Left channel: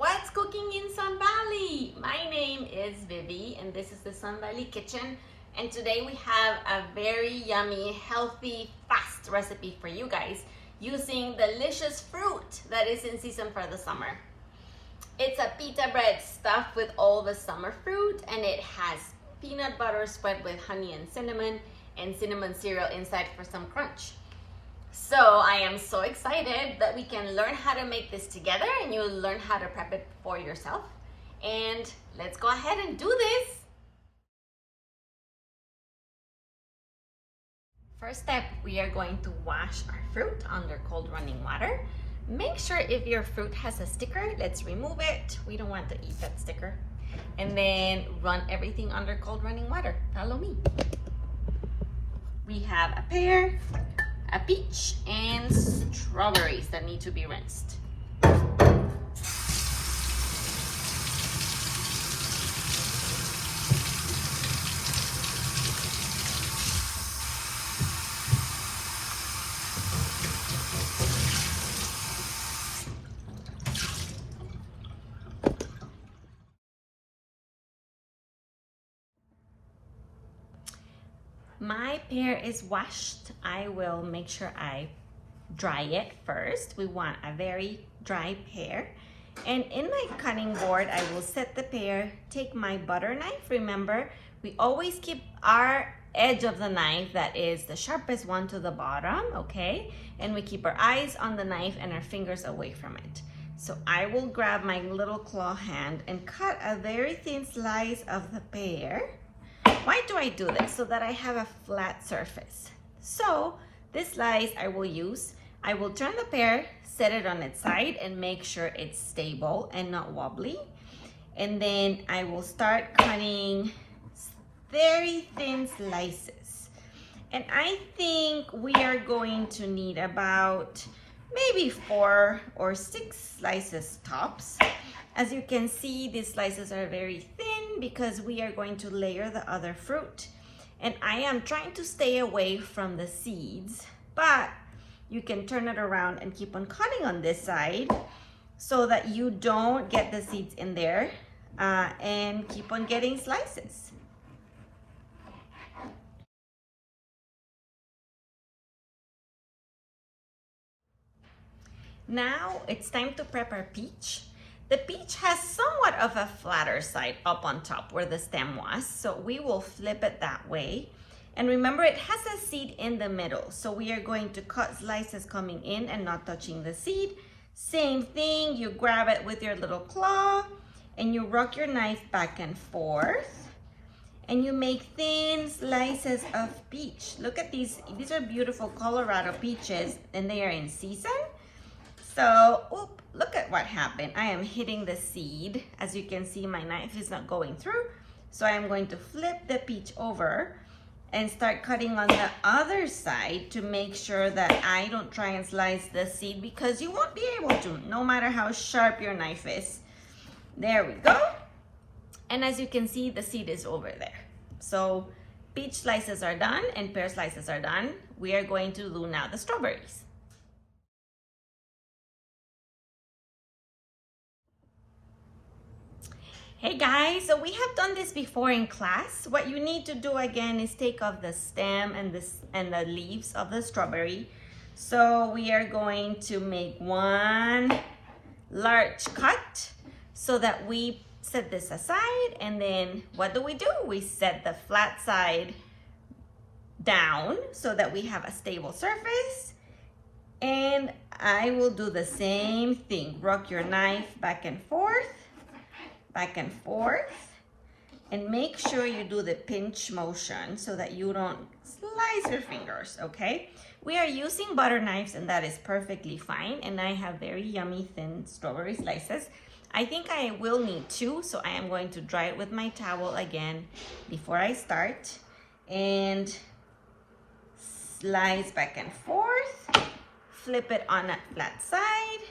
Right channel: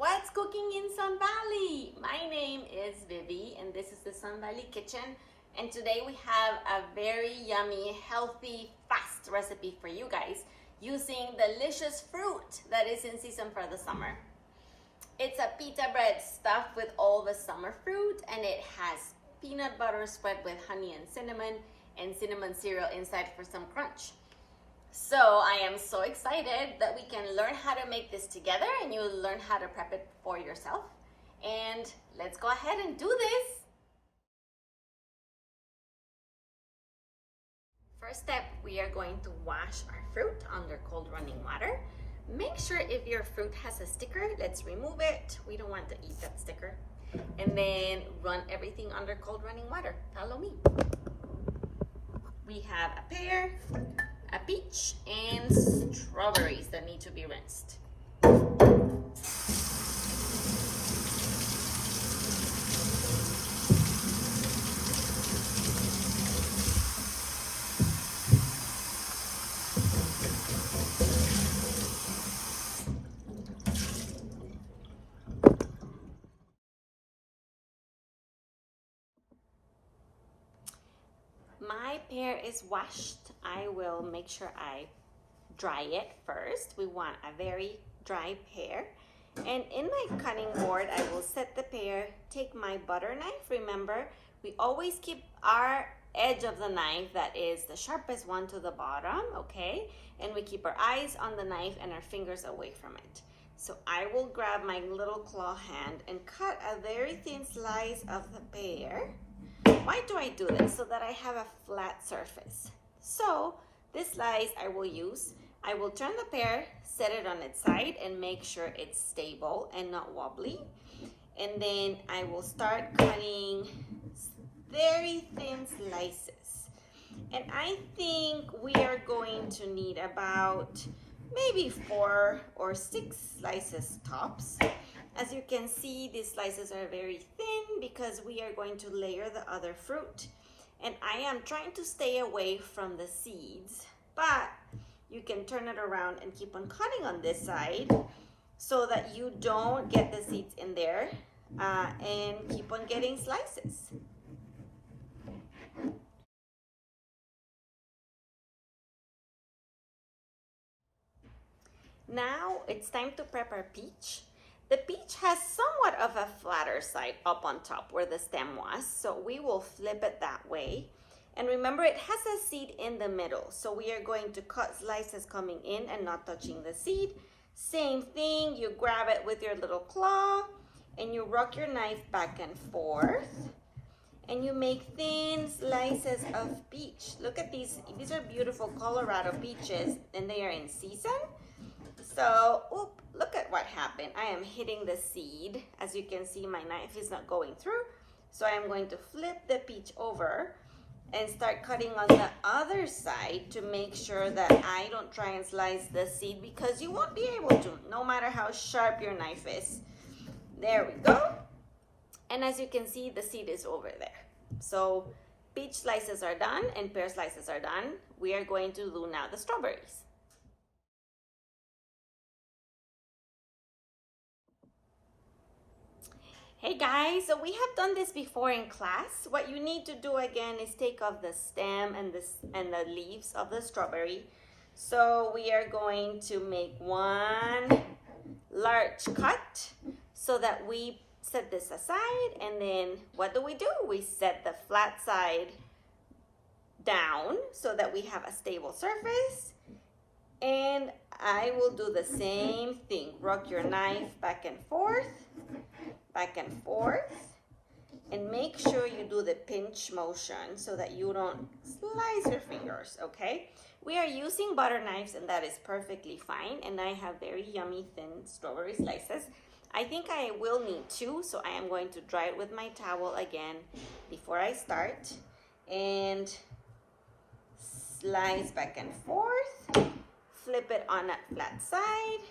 What's cooking in Sun Valley? My name is Vivi and this is the Sun Valley Kitchen, and today we have a very yummy, healthy, fast recipe for you guys using delicious fruit that is in season for the summer. It's a pita bread stuffed with all the summer fruit, and it has peanut butter spread with honey and cinnamon cereal inside for some crunch. So I am so excited that we can learn how to make this together and you'll learn how to prep it for yourself. And let's go ahead and do this. First step, we are going to wash our fruit under cold running water. Make sure if your fruit has a sticker, let's remove it. We don't want to eat that sticker. And then run everything under cold running water. Follow me. We have a pear, a peach, and strawberries that need to be rinsed. My pear is washed. I will make sure I dry it first. We want a very dry pear. And in my cutting board, I will set the pear, take my butter knife. Remember, we always keep our edge of the knife, that is the sharpest one, to the bottom, okay? And we keep our eyes on the knife and our fingers away from it. So I will grab my little claw hand and cut a very thin slice of the pear. Why do I do this? So that I have a flat surface. So this slice I will use. I will turn the pear, set it on its side, and make sure it's stable and not wobbly. And then I will start cutting very thin slices. And I think we are going to need about maybe 4 or 6 slices tops. As you can see, these slices are very thin because we are going to layer the other fruit. And I am trying to stay away from the seeds, but you can turn it around and keep on cutting on this side so that you don't get the seeds in there and keep on getting slices. Now it's time to prep our peach. The peach has somewhat of a flatter side up on top where the stem was, so we will flip it that way. And remember, it has a seed in the middle, so we are going to cut slices coming in and not touching the seed. Same thing, you grab it with your little claw and you rock your knife back and forth and you make thin slices of peach. Look at these are beautiful Colorado peaches and they are in season. So, look at what happened. I am hitting the seed. As you can see, my knife is not going through. So I am going to flip the peach over and start cutting on the other side to make sure that I don't try and slice the seed, because you won't be able to, no matter how sharp your knife is. There we go. And as you can see, the seed is over there. So peach slices are done and pear slices are done. We are going to do now the strawberries. Hey guys, so we have done this before in class. What you need to do again is take off the stem and the leaves of the strawberry. So we are going to make one large cut so that we set this aside, and then what do? We set the flat side down so that we have a stable surface. And I will do the same thing. Rock your knife back and forth, and make sure you do the pinch motion so that you don't slice your fingers, okay? We are using butter knives and that is perfectly fine, and I have very yummy thin strawberry slices. I think I will need 2, so I am going to dry it with my towel again before I start, and slice back and forth, flip it on that flat side,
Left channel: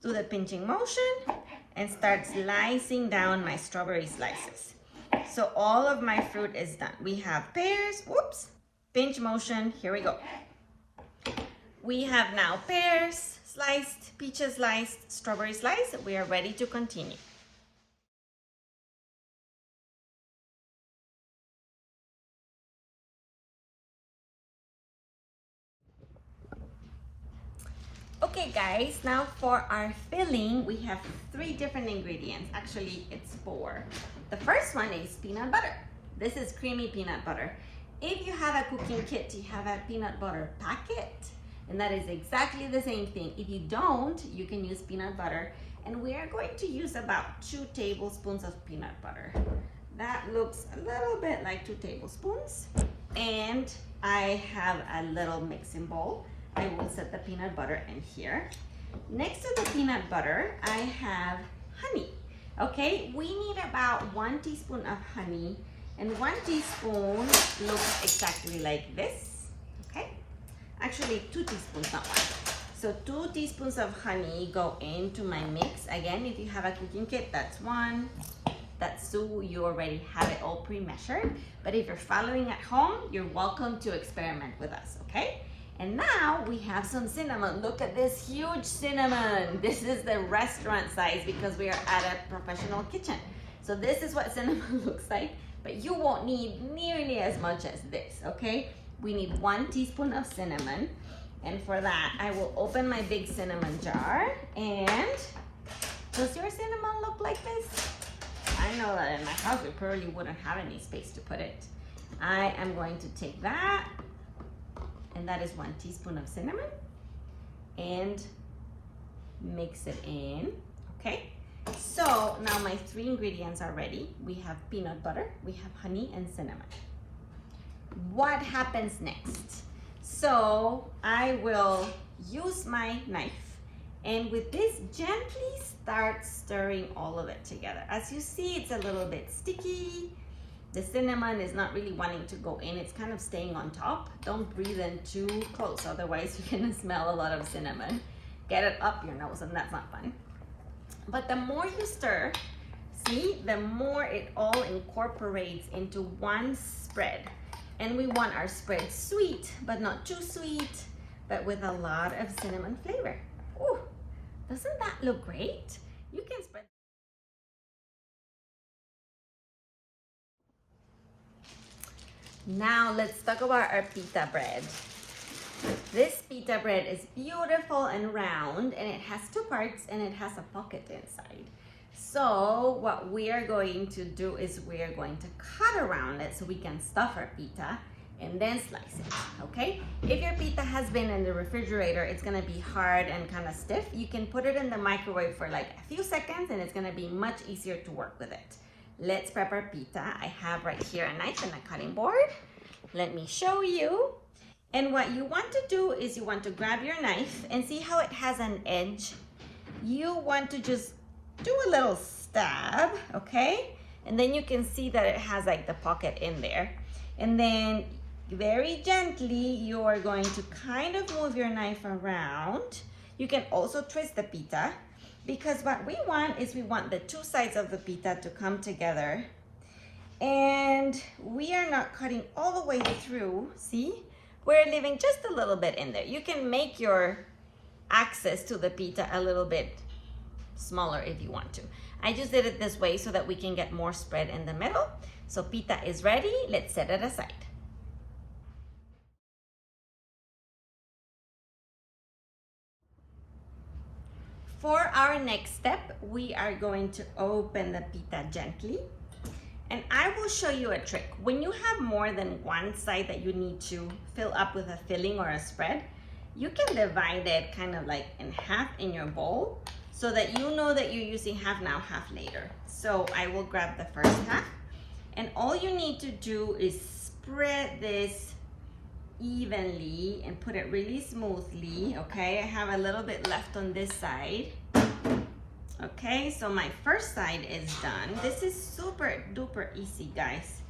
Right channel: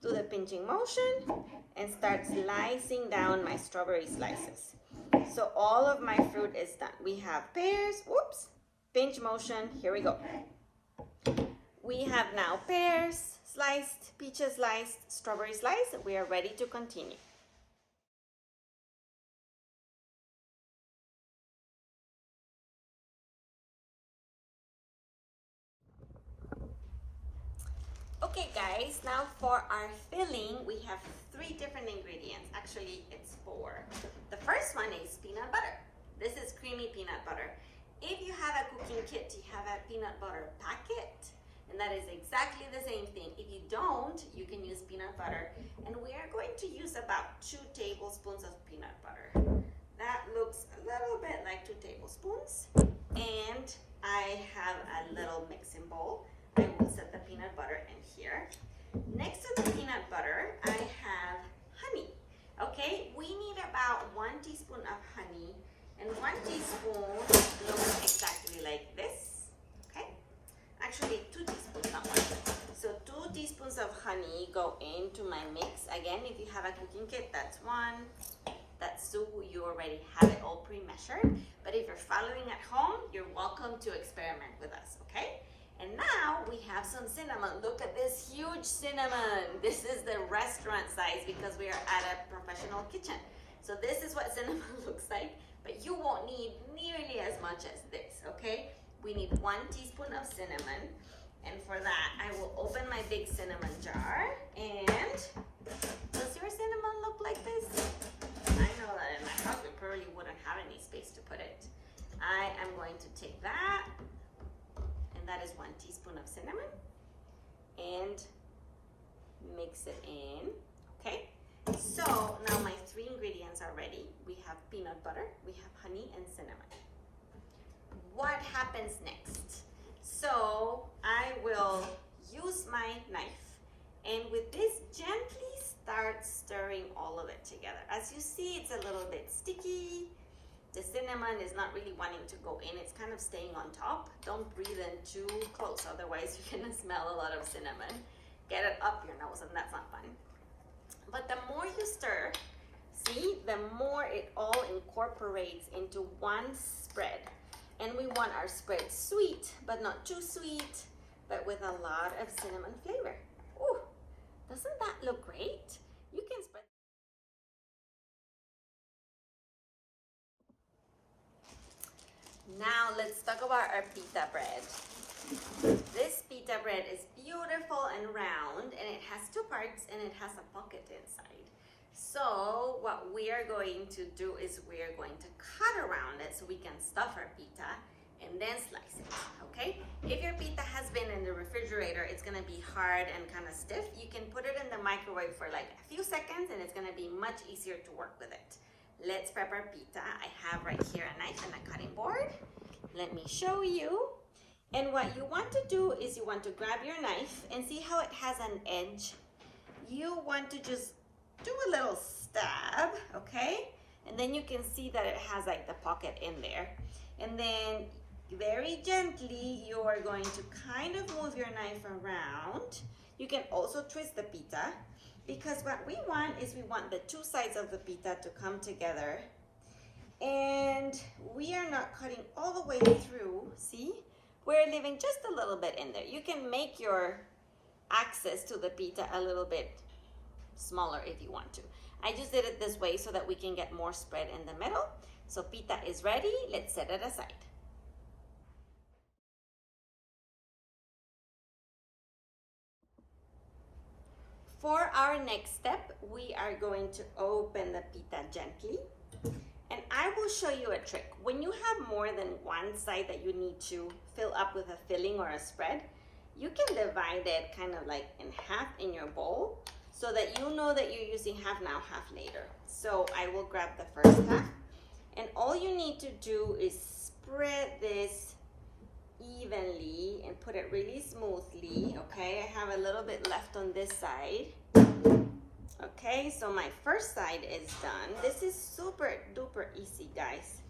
do the pinching motion, and start slicing down my strawberry slices. So all of my fruit is done. We have pears, whoops, pinch motion, here we go. We have now pears, sliced, peaches sliced, strawberry sliced. We are ready to continue. Okay guys, now for our filling, we have 3 different ingredients. Actually, it's 4. The first one is peanut butter. This is creamy peanut butter. If you have a cooking kit, you have a peanut butter packet, and that is exactly the same thing. If you don't, you can use peanut butter, and we are going to use about 2 tablespoons of peanut butter. That looks a little bit like 2 tablespoons. And I have a little mixing bowl. I will set the peanut butter in here. Next to the peanut butter, I have honey. Okay, we need about 1 teaspoon of honey, and 1 teaspoon looks exactly like this. Okay, actually 2 teaspoons, not 1. So 2 teaspoons of honey go into my mix. Again, if you have a cooking kit, that's 1. That's 2. You already have it all pre-measured. But if you're following at home, you're welcome to experiment with us, okay? And now we have some cinnamon. Look at this huge cinnamon. This is the restaurant size because we are at a professional kitchen. So this is what cinnamon looks like, but you won't need nearly as much as this, okay? We need 1 teaspoon of cinnamon. And for that, I will open my big cinnamon jar. And does your cinnamon look like this? I know that in my house, we probably wouldn't have any space to put it. I am going to take that, and that is 1 teaspoon of cinnamon, and mix it in, okay? So now my 3 ingredients are ready. We have peanut butter, we have honey, and cinnamon. What happens next? So I will use my knife, and with this, gently start stirring all of it together. As you see, it's a little bit sticky. The cinnamon is not really wanting to go in. It's kind of staying on top. Don't breathe in too close, otherwise you're gonna smell a lot of cinnamon. Get it up your nose, and that's not fun. But the more you stir, see, the more it all incorporates into one spread. And we want our spread sweet, but not too sweet, but with a lot of cinnamon flavor. Ooh, doesn't that look great? You can spread. Now let's talk about our pita bread. This pita bread is beautiful and round, and it has 2 parts, and it has a pocket inside. So what we are going to do is we are going to cut around it so we can stuff our pita and then slice it, okay? If your pita has been in the refrigerator, it's gonna be hard and kind of stiff. You can put it in the microwave for like a few seconds, and it's gonna be much easier to work with it. Let's prep our pita. I have right here a knife and a cutting board. Let me show you. And what you want to do is you want to grab your knife and see how it has an edge. You want to just do a little stab, okay? And then you can see that it has like the pocket in there. And then very gently, you are going to kind of move your knife around. You can also twist the pita, because what we want is we want the 2 sides of the pita to come together. And we are not cutting all the way through, see? We're leaving just a little bit in there. You can make your access to the pita a little bit smaller if you want to. I just did it this way so that we can get more spread in the middle. So pita is ready. Let's set it aside. For our next step, we are going to open the pita gently. And I will show you a trick. When you have more than 1 side that you need to fill up with a filling or a spread, you can divide it kind of like in half in your bowl so that you know that you're using half now, half later. So I will grab the first half, and all you need to do is spread this evenly and put it really smoothly, okay? I have a little bit left on this side. Okay, so my first side is done. This is super duper easy, guys.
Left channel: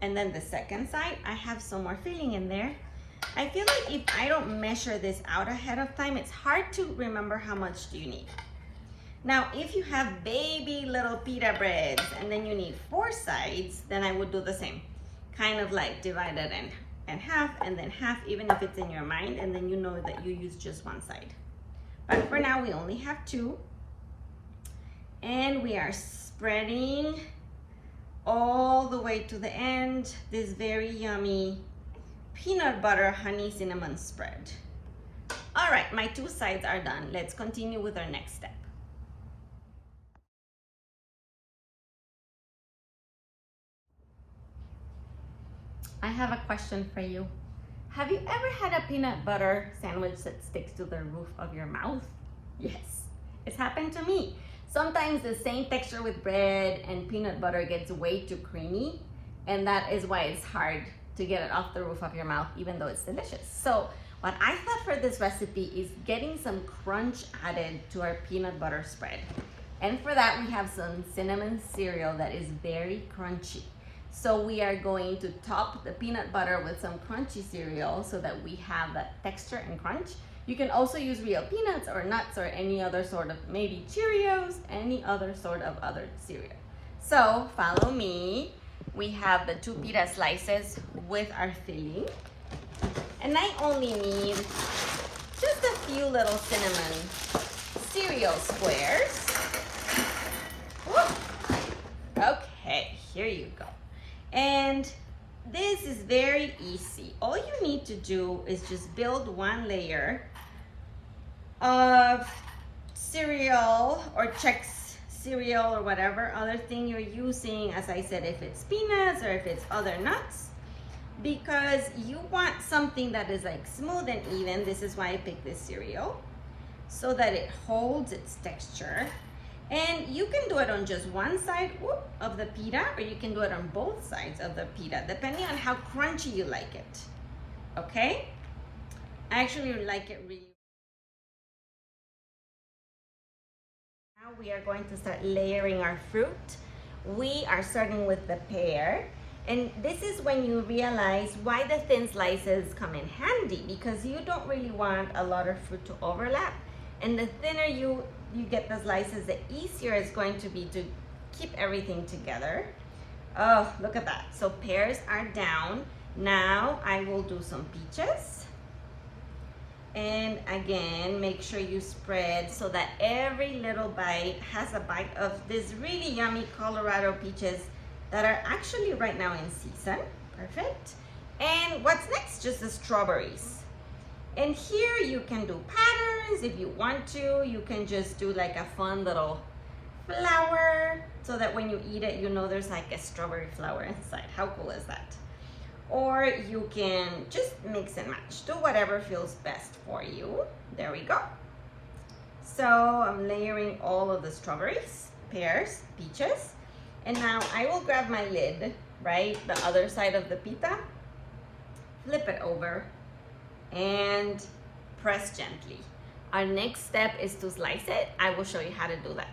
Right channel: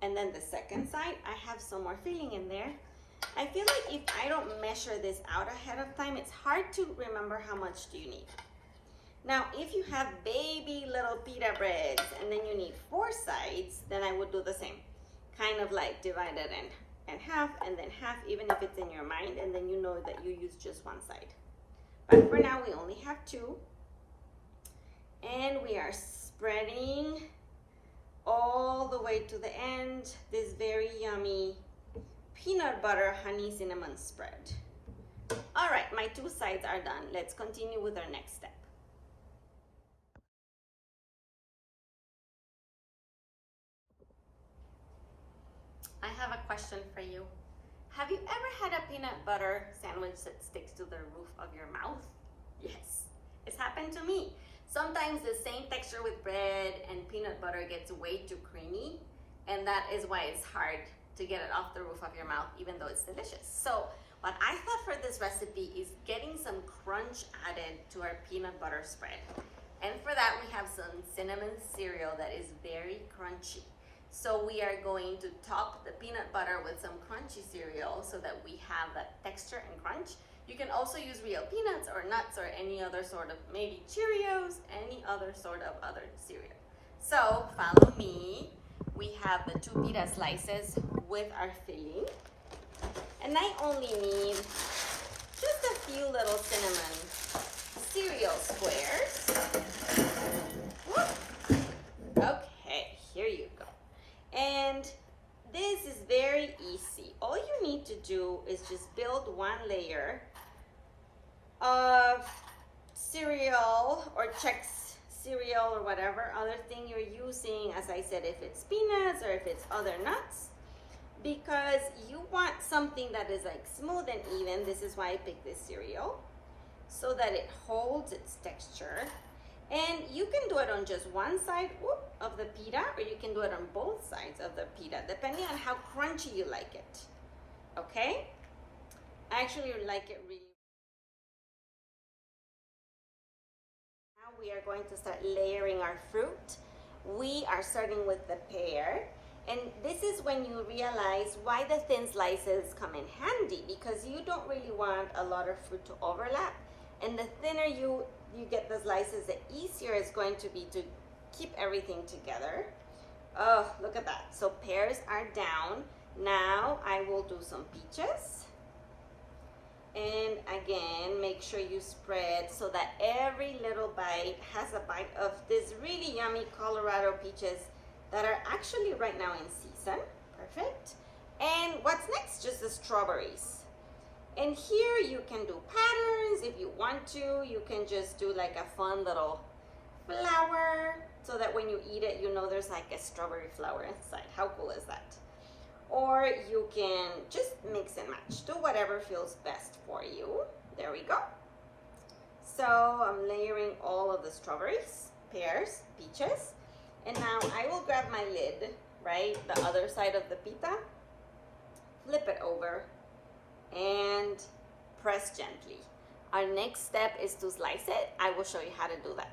And then the second side, I have some more filling in there. I feel like if I don't measure this out ahead of time, it's hard to remember how much do you need. Now, if you have baby little pita breads and then you need 4 sides, then I would do the same. Kind of like divide it in half and then half, even if it's in your mind, and then you know that you use just 1 side. But for now, we only have 2. And we are spreading all the way to the end this very yummy peanut butter honey cinnamon spread. All right, my 2 sides are done. Let's continue with our next step. I have a question for you. Have you ever had a peanut butter sandwich that sticks to the roof of your mouth? Yes, it's happened to me. Sometimes the same texture with bread and peanut butter gets way too creamy, and that is why it's hard to get it off the roof of your mouth, even though it's delicious. So what I thought for this recipe is getting some crunch added to our peanut butter spread. And for that, we have some cinnamon cereal that is very crunchy. So we are going to top the peanut butter with some crunchy cereal so that we have that texture and crunch. You can also use real peanuts or nuts or any other sort of, maybe Cheerios, any other sort of other cereal. So follow me. We have the 2 pita slices with our filling. And I only need just a few little cinnamon cereal squares. Woo. Okay, here you go. And this is very easy. All you need to do is just build 1 layer of cereal or Chex cereal or whatever other thing you're using. As I said, if it's peanuts or if it's other nuts, because you want something that is like smooth and even. This is why I picked this cereal, so that it holds its texture. And you can do it on just one side of the pita, or you can do it on both sides of the pita, depending on how crunchy you like it. Okay? I actually like it really. Now we are going to start layering our fruit. We are starting with the pear. And this is when you realize why the thin slices come in handy, because you don't really want a lot of fruit to overlap. And the thinner you get the slices, the easier it's going to be to keep everything together. Oh, look at that. So pears are down. Now I will do some peaches. And again, make sure you spread so that every little bite has a bite of this really yummy Colorado peaches that are actually right now in season. Perfect. And what's next? Just the strawberries. And here you can do patterns if you want to. You can just do like a fun little flower so that when you eat it, you know there's like a strawberry flower inside. How cool is that? Or you can just mix and match. Do whatever feels best for you. There we go. So I'm layering all of the strawberries, pears, peaches. And now I will grab my lid, right? The other side of the pita. Flip it over and press gently. Our next step is to slice it. I will show you how to do that.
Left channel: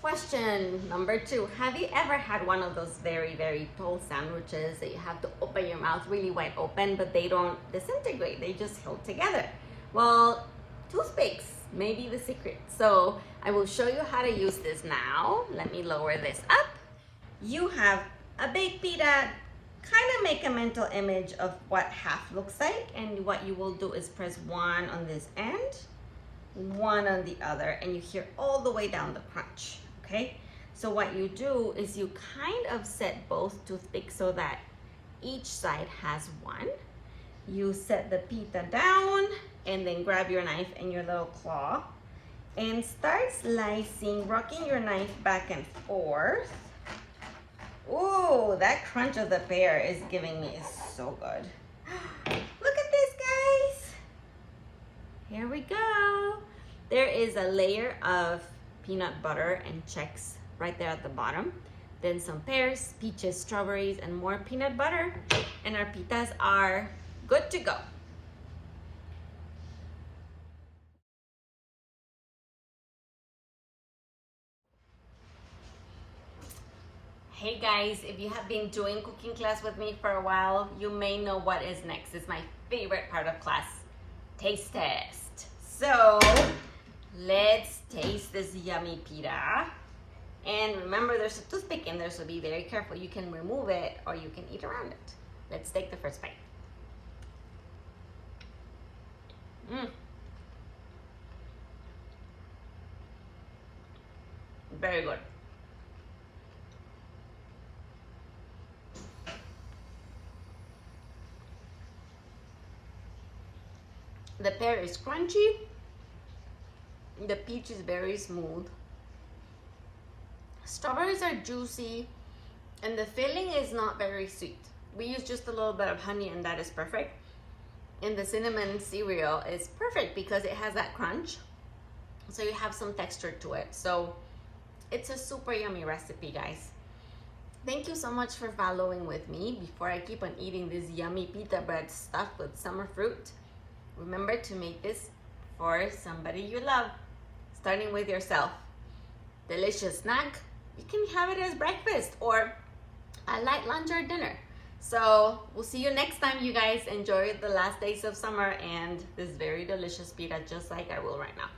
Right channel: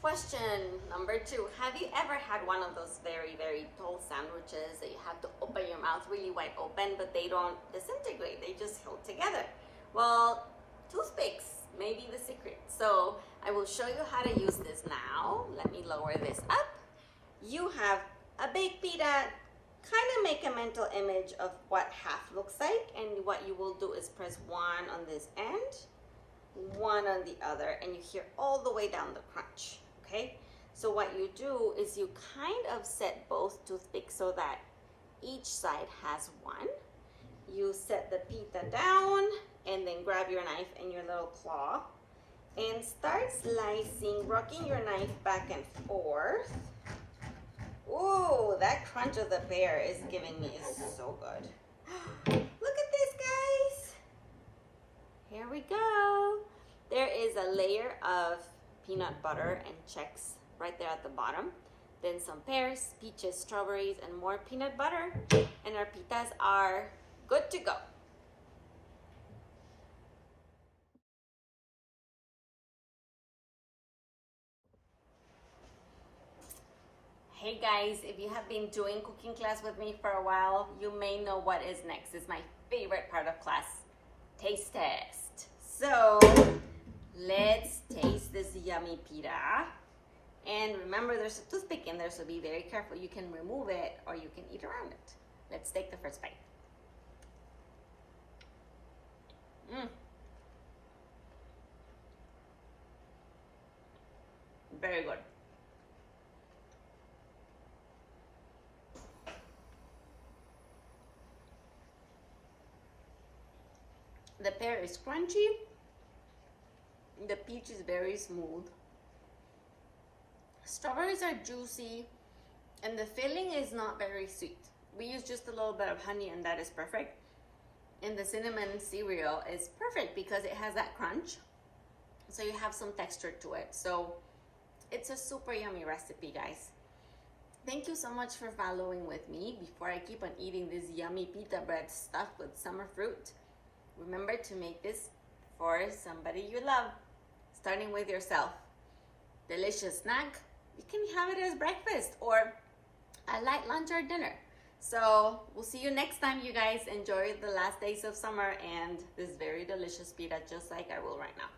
Question number 2. Have you ever had one of those very, very tall sandwiches that you have to open your mouth really wide open, but they don't disintegrate, they just hold together? Well, toothpicks may be the secret. So I will show you how to use this now. Let me lower this up. You have a baked pita. Kind of make a mental image of what half looks like, and what you will do is press 1 on this end, 1 on the other, and you hear all the way down the crunch. Okay, so what you do is you kind of set both toothpicks so that each side has 1. You set the pita down and then grab your knife and your little claw and start slicing, rocking your knife back and forth. Ooh, that crunch of the pear is giving me so good. Look at this, guys. Here we go. There is a layer of peanut butter and Chex right there at the bottom. Then some pears, peaches, strawberries, and more peanut butter. And our pitas are good to go. Hey guys, if you have been doing cooking class with me for a while, you may know what is next. It's my favorite part of class, taste test. So let's taste this yummy pita. And remember, there's a toothpick in there, so be very careful. You can remove it or you can eat around it. Let's take the first bite. Very good. The pear is crunchy. The peach is very smooth. Strawberries are juicy, and the filling is not very sweet. We use just a little bit of honey, and that is perfect. And the cinnamon cereal is perfect because it has that crunch, so you have some texture to it. So it's a super yummy recipe, guys. Thank you so much for following with me. Before I keep on eating this yummy pita bread stuffed with summer fruit, remember to make this for somebody you love, starting with yourself. Delicious snack. You can have it as breakfast or a light lunch or dinner. So we'll see you next time, you guys. Enjoy the last days of summer and this very delicious pita, just like I will right now.